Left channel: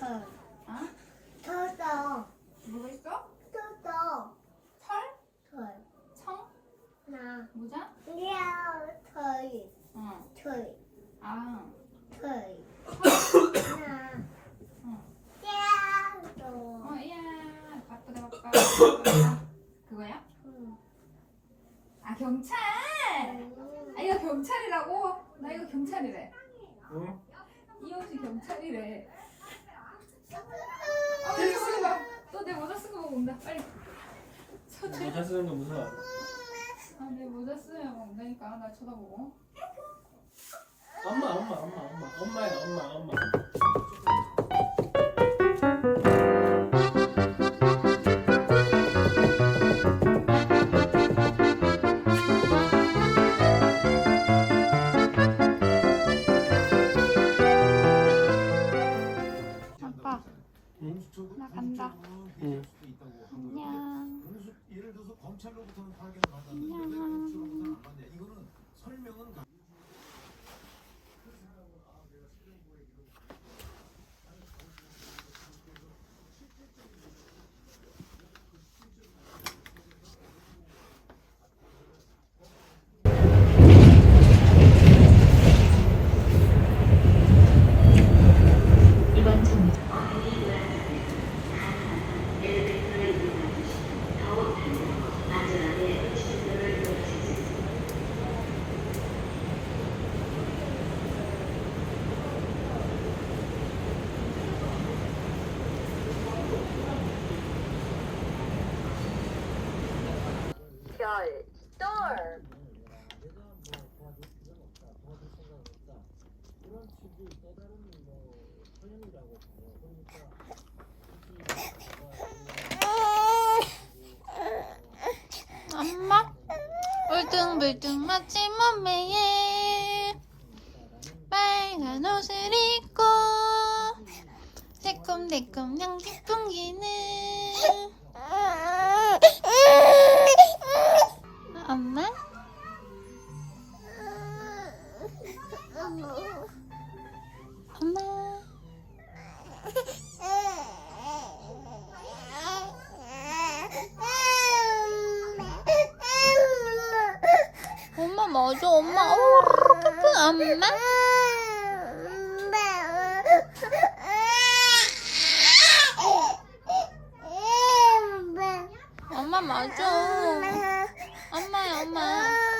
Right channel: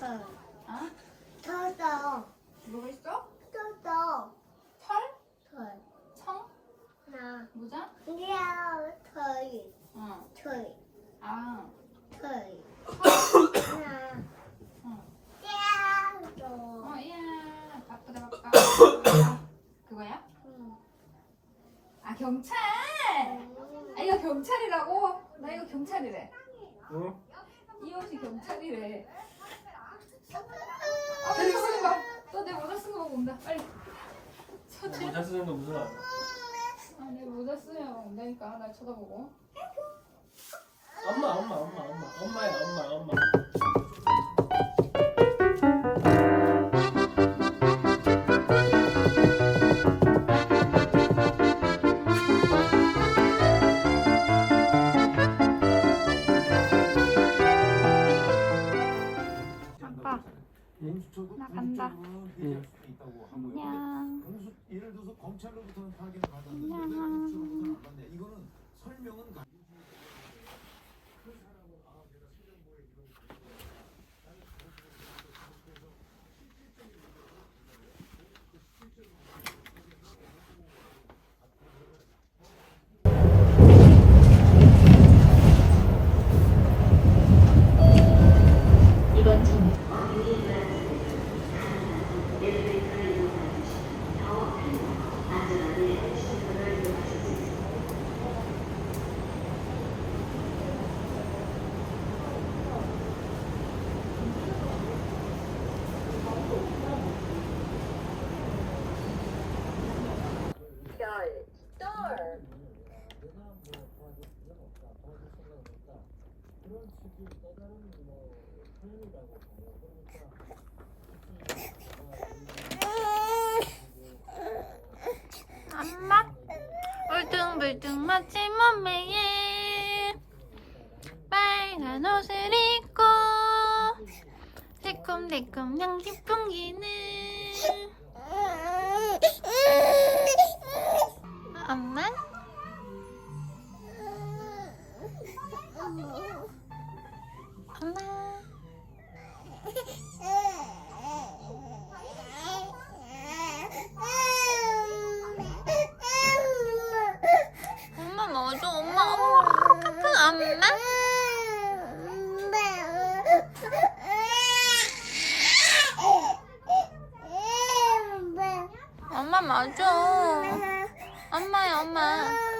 어? 더더 뭐가 있어? 더더 털? 털 청? 나 모자? 야, 털, 어. 털, 아. 털. 나, 어. 야, 너. 어, 이야. 바쁘다, 바빠. 그거야? 응. 아, 경찰! 아, 이거 경찰이라고? 나 이거 경찰이래. 응? 이 옷이 경찰이래. 아, 내 모자 봐. 너내 모자 쓴 거 온다. 빨리. 서재. 모자 쓰는 거 무슨 말이야? 아, 내 모자 쓰면 온다니까. 날 쳐다보고. 엄마 엄마 엄마 엄마 엄마야 엄마 엄마 응? 나 간다. 응. 안녕. 검찰로부터는 파견을 안녕. 받았는데 이거는 설명은 가- 이번 정류 엄마? 울퉁불퉁 멋진 몸매에 빨간 옷을 입고 새콤달콤 향기 풍기는. 엄마 엄마 맞아. 엄마. 엄마 엄마? 엄마 맞아. 엄마야 엄마